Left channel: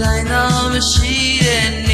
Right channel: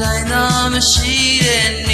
တိုင်းတော်မရှိရဲ့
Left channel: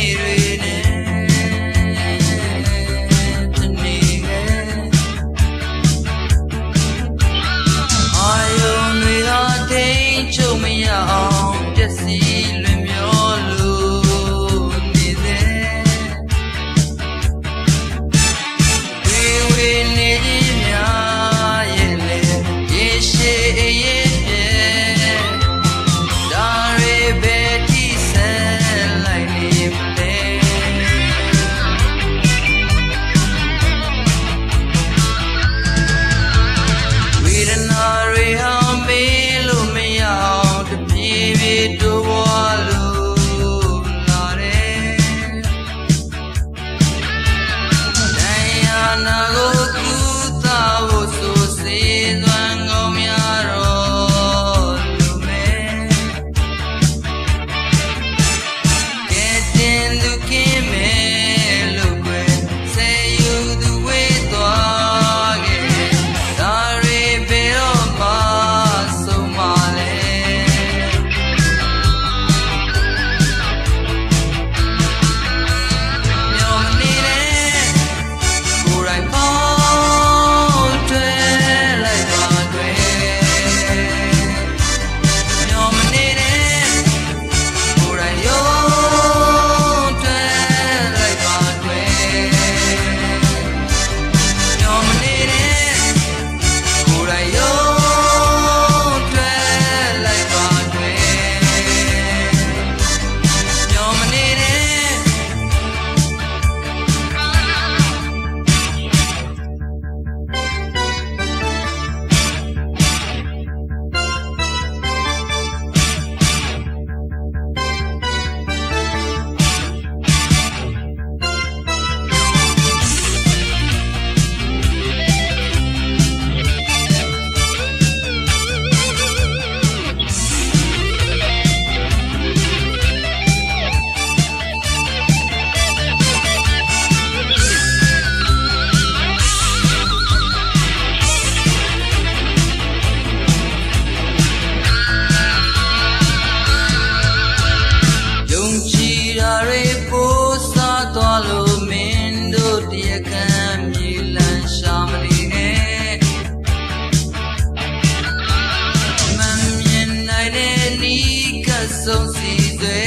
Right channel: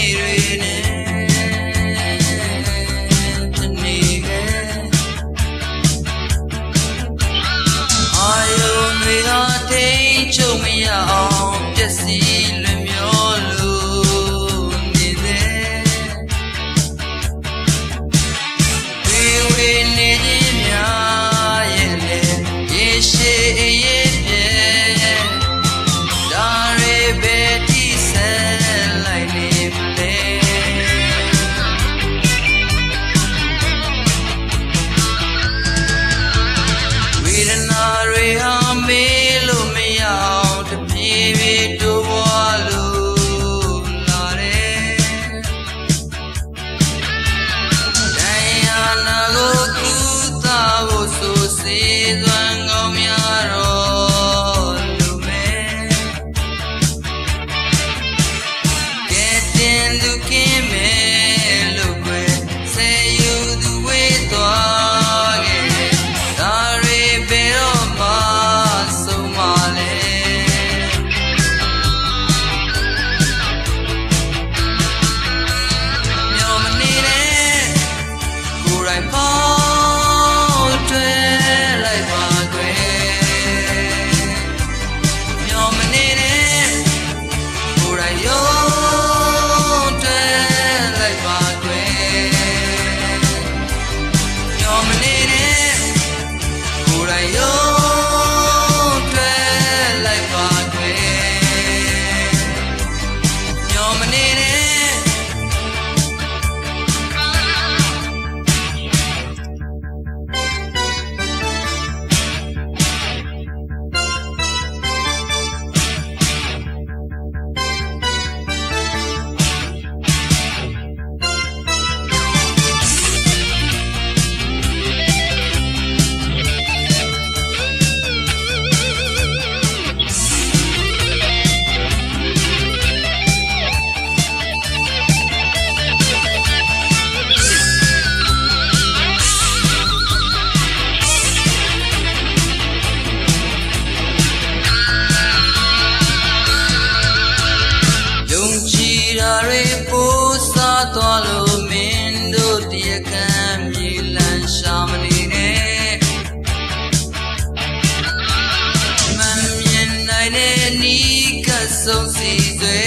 ဆုံးစီသွဲ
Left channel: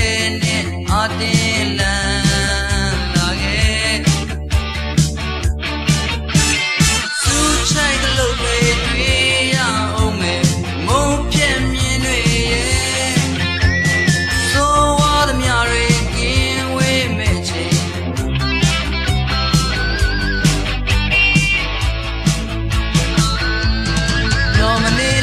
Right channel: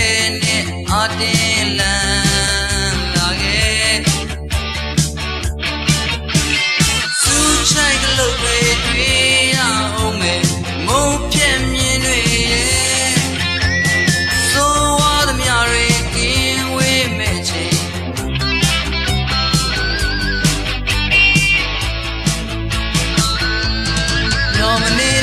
နဲ့အတင်းလန်းလာခဲ့စူချိုက်ကလေးတွေတွေ့ရအောင်မယ်မုံပြည့်မြင်တွေရဲ့ဆိုဝါသမျှတွေကင်းဝေးမဲ့ချိန်ရောမနေ